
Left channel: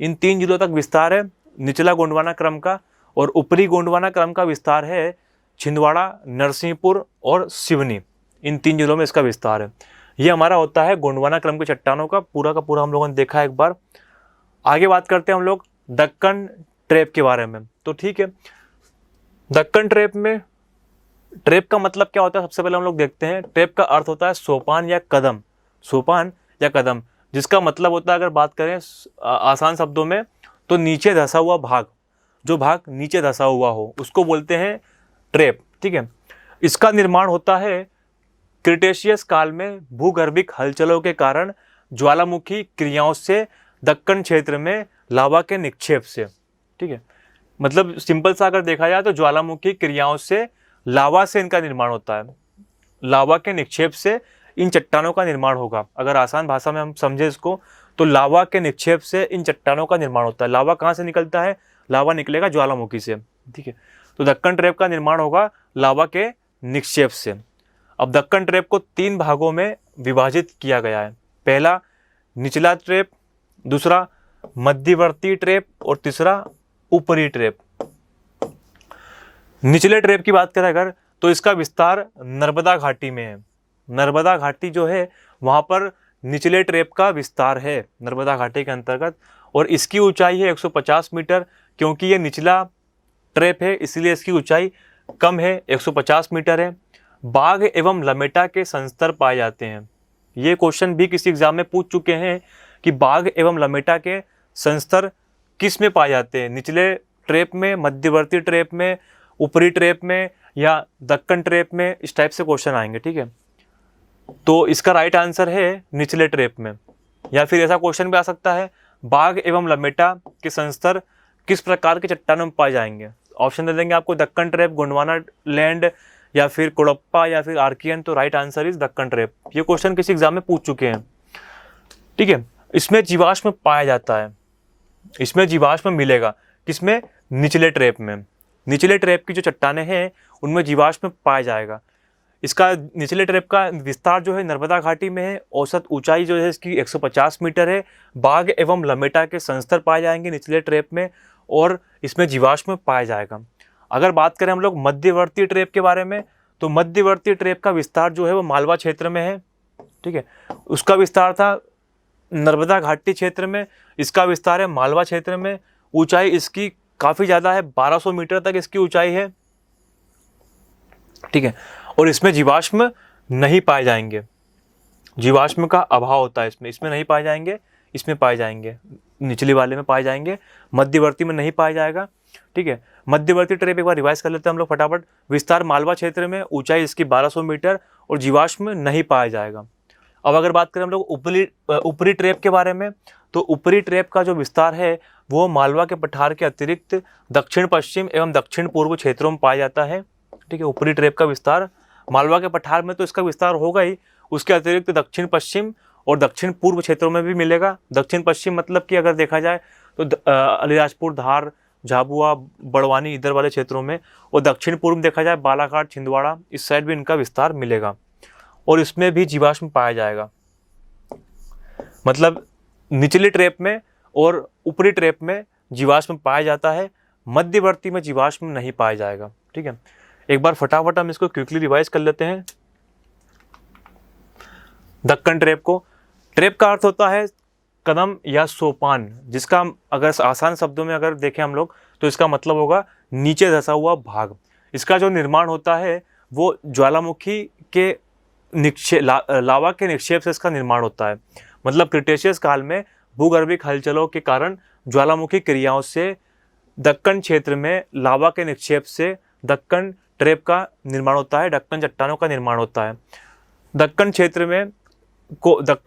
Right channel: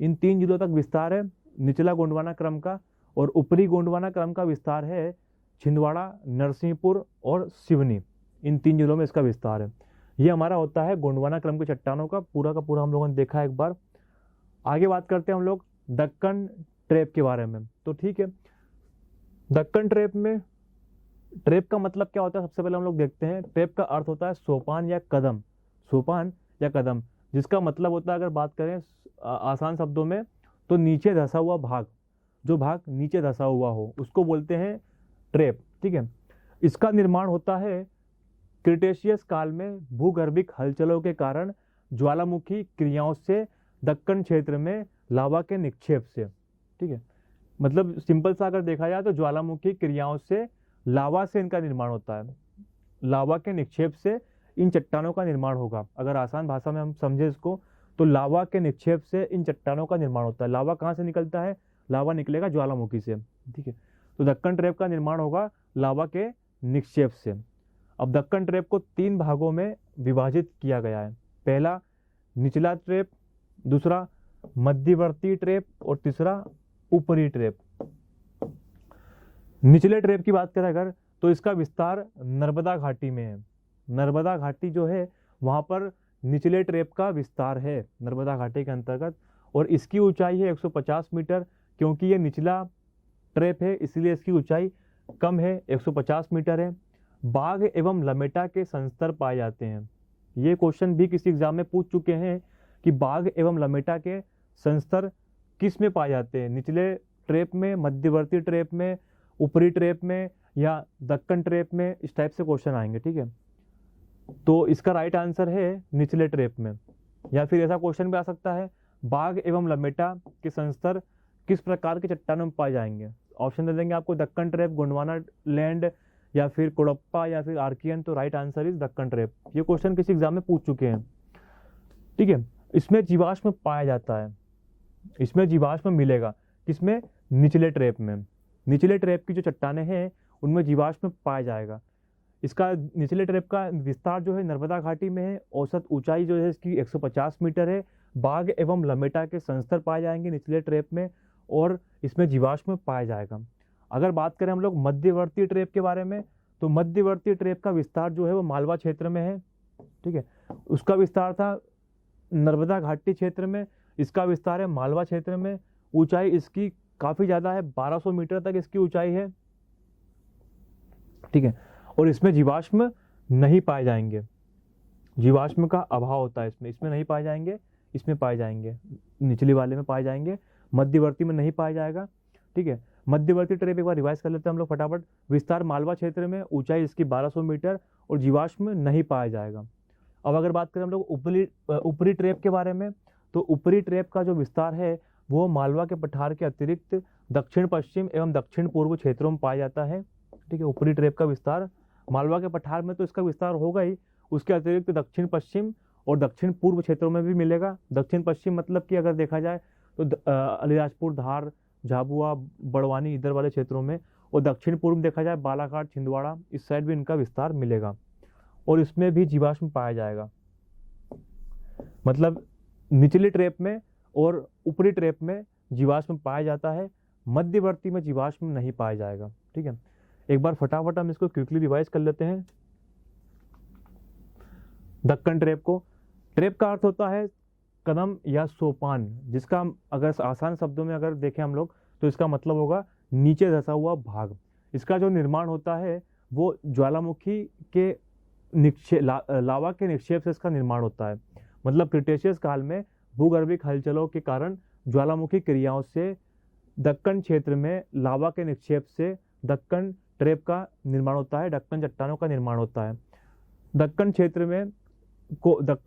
इन 3 जिलों तक विस्तार है निचला गोंडवाना क्रम का। और ऊपरी गोंडवाना क्रम का विस्तार है छिंदवाड़ा, नरसिंहपुर और सिवनी, इन 3 जिलों में इसका विस्तार है। ये हमारा होता है गोंडवाना क्रम की चट्टानों का पूरा हम लोगों ने देखा एक बार। आगे बात करते हैं हम लोग दक्कन ट्रैप के बारे में। तो ठीक है, दक्कन ट्रैप में, ट्रैप का मतलब क्या होता है सबसे पहले हम लोग देखते हैं। ट्रैप का अर्थ होता है सोपान या कदम, सोपान या कदम, जिसका मतलब होता है, अगर बात करें आसान शब्दों में, तो नीचे धंसा हुआ भाग, जो भाग नीचे धंसा हुआ हो उसको बोलते हैं ट्रैप। ठीक है, इसका निर्माण होता है क्रिटेशियस काल में भूगर्भिक हलचलों के कारण ज्वालामुखी क्रियाओं से दक्कन क्षेत्र में लावा के निक्षेप से। ठीक है, मतलब सिंपल सा अगर देखा जाए तो ज्वालामुखी क्रियाओं से लावा से इनका निर्माण होता है, लावा के निक्षेप से इन चट्टानों का निर्माण होगा। अगर आसान भाषा में हम समझे इसको, तो लावा के निक्षेप से इन चट्टानों का निर्माण होता है। लावा कहाँ से निकलता है? लावा निकलेगा ज्वालामुखी से। ठीक है, तो दक्कन ट्रैप का निर्माण होगा लावा के निक्षेप से। अब दक्कन ट्रैप को 3 भागों में विभाजित किया गया है। पहला निचला ट्रैप, दूसरा मध्यवर्ती ट्रैप और तीसरा ऊपरी ट्रैप। निचले ट्रैप की बात करें अगर, तो इसका विस्तार नर्मदा घाटी में है। नर्मदा घाटी जो है वहाँ पर निचले ट्रैप का विस्तार है, नर्मदा घाटी के अंतर्गत, और इसकी ऊंचाई है 150 मीटर। क्योंकि ये निचला ट्रैप है इसलिए इसकी ऊंचाई कम है, 150 मीटर है। बाघ एवं लमेटा के संस्तर पाए जाते हैं। ये क्वेश्चन भी किसी एग्जाम में पूछ चुके हैं कि बाघ एवं लमेटा के संस्तर किस में पाए जाते हैं, निचले ट्रैप में, मध्यवर्ती ट्रैप में, ऊपरी ट्रैप में या दक्कन ट्रैप में। इस टाइप से क्वेश्चन आएंगे। ठीक है, तो इसका राइट आंसर है निचले ट्रैप में। या फिर ऐसा क्वेश्चन भी आ सकता है, बाघ एवं लमेटा के संस्तर किस प्रकार के चट्टानों में पाए जाएंगे। ऑप्शन दे देंगे आपको, दक्कन ट्रैप, गोंडवाना लैंड या फिर कुड़प्पा या फिर आर्कियन। तो right answer is Deccan trap. ये क्वेश्चन किसी एग्जाम में पूछ चुके हैं। ठीक है, इसमें जीवाश्म पाया जाता है, इसमें जीवाश्म मिलेगा किसमें? निचले ट्रैप में। निचले ट्रैप की जो चट्टानें हैं उनमें जीवाश्म पाया जाएगा। इसका निचले ट्रैप का विस्तार जो है नर्मदा घाटी में है। औसत ऊंचाई जो है इसकी 150 मीटर है। बाघ एवं लमेटा के संस्तर पाए जाएंगे निचले ट्रैप में और इसमें जीवाश्म पाया जाएगा। अगर बात करें हम लोग मध्यवर्ती ट्रैप के बारे में, तो मध्यवर्ती ट्रैप का विस्तार जो है वो मालवा क्षेत्र में है। ठीक है, उसका विस्तार था नर्मदा घाटी क्षेत्र में, इसका विस्तार है मालवा क्षेत्र में। ऊंचाई इसकी काफ़ी ज़्यादा है, 1200 मीटर तक इसकी ऊंचाई है। ठीक है, और इसमें जीवाश्म नहीं पाए जाएंगे, जीवाश्म का अभाव होता है इसमें, इसमें नहीं पाए जाएंगे, इसमें पाए जाएंगे, निचले वाले में पाए जाएंगे, मध्यवर्ती में नहीं पाया जाएगा। ठीक है, मध्यवर्ती ट्रैप एक बार रिवाइज कर लेते हैं हम लोग फटाफट। विस्तार मालवा क्षेत्र में, ऊंचाई इसकी 1200 मीटर और जीवाश्म नहीं पाया जाएगा। अब अगर बात करें हम लोग ऊपरी ट्रैप के बारे में, तो ऊपरी ट्रैप का जो विस्तार है वो मालवा के पठार के अतिरिक्त दक्षिण पश्चिम एवं दक्षिण पूर्व क्षेत्रों में पाया जाता है। ठीक है, ऊपरी ट्रैप का विस्तार मालवा के पठार में तो इसका विस्तार होगा ही, उसके अतिरिक्त दक्षिण पश्चिम और दक्षिण पूर्व क्षेत्रों में भी मिलेगा। दक्षिण पश्चिम मतलब कि अगर देखा जाए तो अलीराजपुर, धार, झाबुआ, बड़वानी इधर वाले क्षेत्रों में, और दक्षिण पूर्व देखा जाए बालाघाट, छिंदवाड़ा, इस साइड भी इनका विस्तार मिलेगा और इसमें भी जीवाश्म पाया जाएगा। मतलब निचले ट्रैप में और ऊपरी ट्रैप में जीवाश्म पाया जाता है, मध्यवर्ती में जीवाश्म नहीं पाया जाएगा। ठीक है, एक बार फटाफट हम इसको क्विकली रिवाइज कर लेते हैं। दक्कन ट्रैप को, ट्रैप का अर्थ होता है कदम या सोपान, जिसका अगर आसान शब्दों में अगर देखें हम लोग तो इसका मतलब होगा नीचे धंसा हुआ भाग। इसका जो निर्माण होता है वो ज्वालामुखी के लावा के निक्षेप से इसका निर्माण होता है। मतलब क्रिटेशियस काल में भूगर्भिक हलचलों के कारण ज्वालामुखी क्रियाओं से दक्कन क्षेत्र में लावा के निक्षेप से दक्कन ट्रैप का निर्माण होता है, दक्कन चट्टानों का निर्माण होता है। दक्कन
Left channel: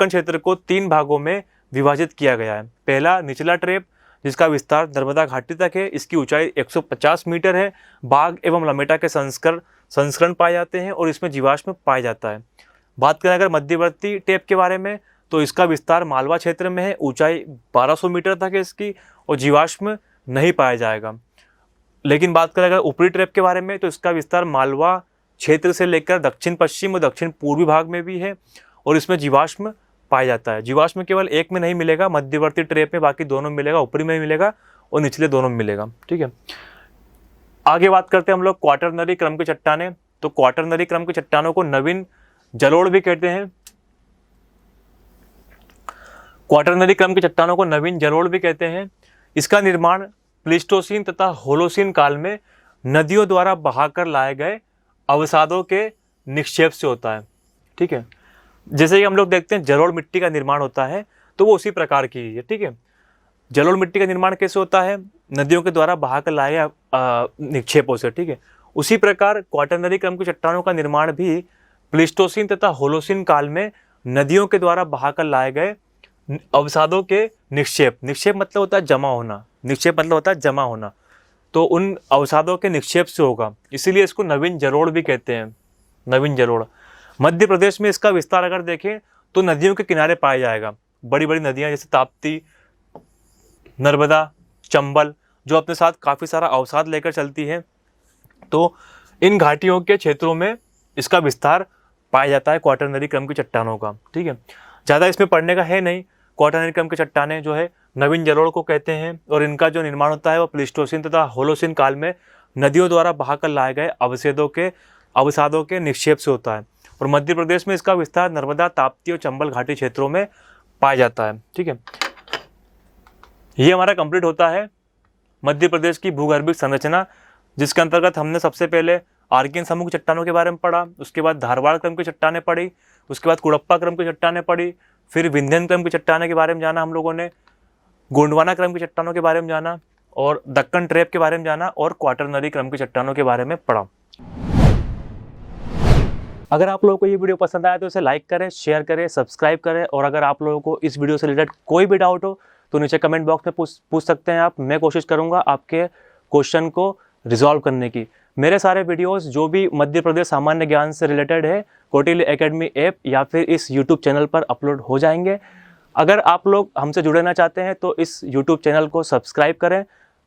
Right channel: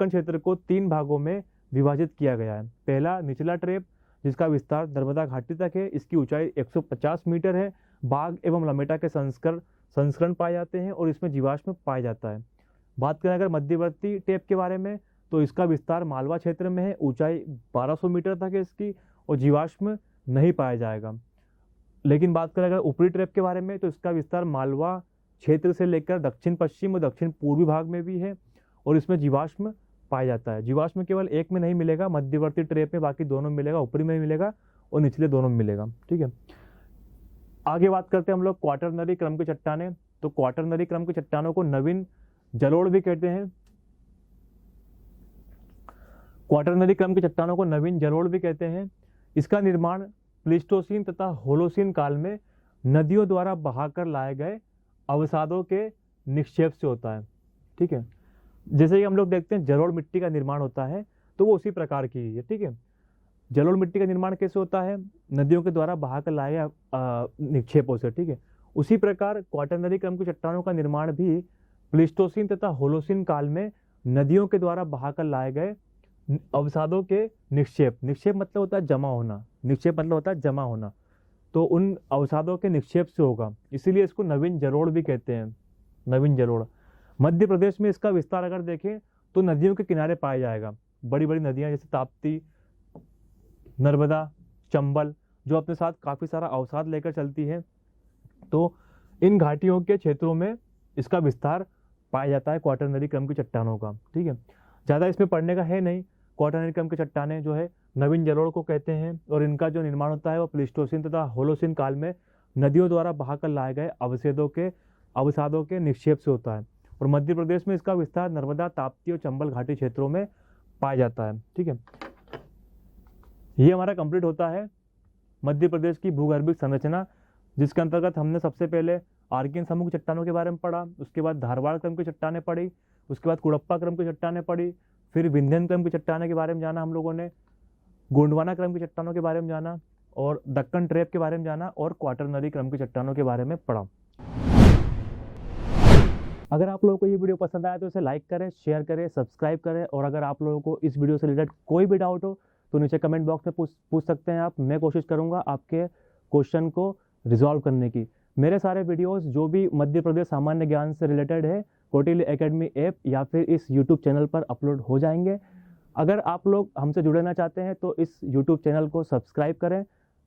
क्षेत्र को 3 भागों में विभाजित किया गया है। पहला निचला ट्रैप, जिसका विस्तार नर्मदा घाटी तक है, इसकी ऊंचाई 150 मीटर है। बाघ एवं लमेटा के संस्करण पाए जाते हैं और इसमें जीवाश्म पाया जाता है। बात करें अगर मध्यवर्ती ट्रैप के बारे में, तो इसका विस्तार मालवा क्षेत्र में है, ऊंचाई 1200 मीटर तक है इसकी और जीवाश्म नहीं पाया जाएगा। लेकिन बात करें अगर ऊपरी ट्रैप के बारे में, तो इसका विस्तार मालवा क्षेत्र से लेकर दक्षिण पश्चिम और दक्षिण पूर्वी भाग में भी है और इसमें जीवाश्म पाया जाता है। जीवाश्म केवल एक में नहीं मिलेगा, मध्यवर्ती ट्रैप में, बाकी दोनों में मिलेगा, ऊपरी में मिलेगा और निचले दोनों में मिलेगा। ठीक है, आगे बात करते हैं हम लोग क्वाटरनरी क्रम की चट्टानें। तो क्वाटरनरी क्रम की चट्टानों को नवीन जलोढ़ भी कहते हैं। क्वाटरनरी क्रम की चट्टानों को नवीन जलोढ़ भी कहते हैं। इसका निर्माण प्लीस्टोसीन तथा होलोसीन काल में नदियों द्वारा बहाकर लाए गए अवसादों के निक्षेप से होता है। ठीक है, जैसे कि हम लोग देखते हैं जलोढ़ मिट्टी का निर्माण होता है, तो वो उसी प्रकार की है, ठीक है। जलोढ़ मिट्टी का निर्माण कैसे होता है? नदियों के द्वारा बहाकर लाए गए निक्षेपों से, ठीक है। उसी प्रकार क्वाटरनरी क्रम की चट्टानों का निर्माण भी प्लीस्टोसीन तथा होलोसीन काल में नदियों के द्वारा बहाकर लाए गए अवसादों के निक्षेप मतलब होता है जमा होना, निक्षेप मतलब होता है जमा होना, तो उन अवसादों के निक्षेप से होगा, इसीलिए इसको नवीन जलोढ़ भी कहते हैं, नवीन जलोढ़। मध्य प्रदेश में इसका विस्तार अगर देखें तो नदियों के किनारे पाया जाएगा। बड़ी बड़ी नदियां जैसे ताप्ती, नर्मदा, चंबल, जो अपने साथ काफ़ी सारा अवसाद लेकर चलती है, तो इन घाटियों के क्षेत्रों में इसका विस्तार पाया जाता है क्वाटरनरी क्रम की चट्टानों का, ठीक है। ज़्यादा इसमें पढ़ने का है नहीं। क्वाटरनरी क्रम की चट्टानें जो है नवीन जलोढ़ को कहते हैं और इनका जो निर्माण होता है वो प्लीस्टोसीन तथा होलोसीन काल में नदियों द्वारा बहाकर लाए गए अवसादों के निक्षेप से होता है। और मध्य प्रदेश में इसका विस्तार नर्मदा, ताप्ती और चंबल घाटी क्षेत्रों में पाया जाता है, ठीक है। ये हमारा कंप्लीट होता है मध्य प्रदेश की भूगर्भिक संरचना, जिसके अंतर्गत हमने सबसे पहले आर्कियन समूह की चट्टानों के बारे में पढ़ा, उसके बाद धारवाड़ क्रम की चट्टानें पढ़ी, उसके बाद कुड़प्पा क्रम की चट्टानें पढ़ी, फिर विंध्यन क्रम की चट्टानों के बारे में जाना हम लोगों ने, गोंडवाना क्रम की चट्टानों के बारे में जाना और दक्कन ट्रैप के बारे में जाना और क्वाटरनरी क्रम की चट्टानों के बारे में पढ़ा। अगर आप लोगों को ये वीडियो पसंद आया तो इसे लाइक करें, शेयर करें, सब्सक्राइब करें, और अगर आप लोगों को इस वीडियो से रिलेटेड कोई भी डाउट हो तो नीचे कमेंट बॉक्स में पूछ सकते हैं आप। मैं कोशिश करूंगा आपके क्वेश्चन को रिजॉल्व करने की। मेरे सारे वीडियोस जो भी मध्य प्रदेश सामान्य ज्ञान से रिलेटेड है कौटिल्य एकेडमी ऐप या फिर इस यूट्यूब चैनल पर अपलोड हो जाएंगे। अगर आप लोग हमसे जुड़ना चाहते हैं तो इस यूट्यूब चैनल को सब्सक्राइब करें,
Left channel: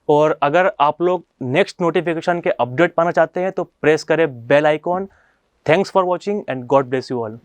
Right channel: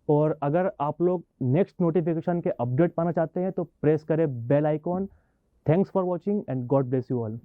और अगर आप लोग नेक्स्ट नोटिफिकेशन के अपडेट पाना चाहते हैं तो प्रेस करें bell icon. Thanks for watching and God bless you all.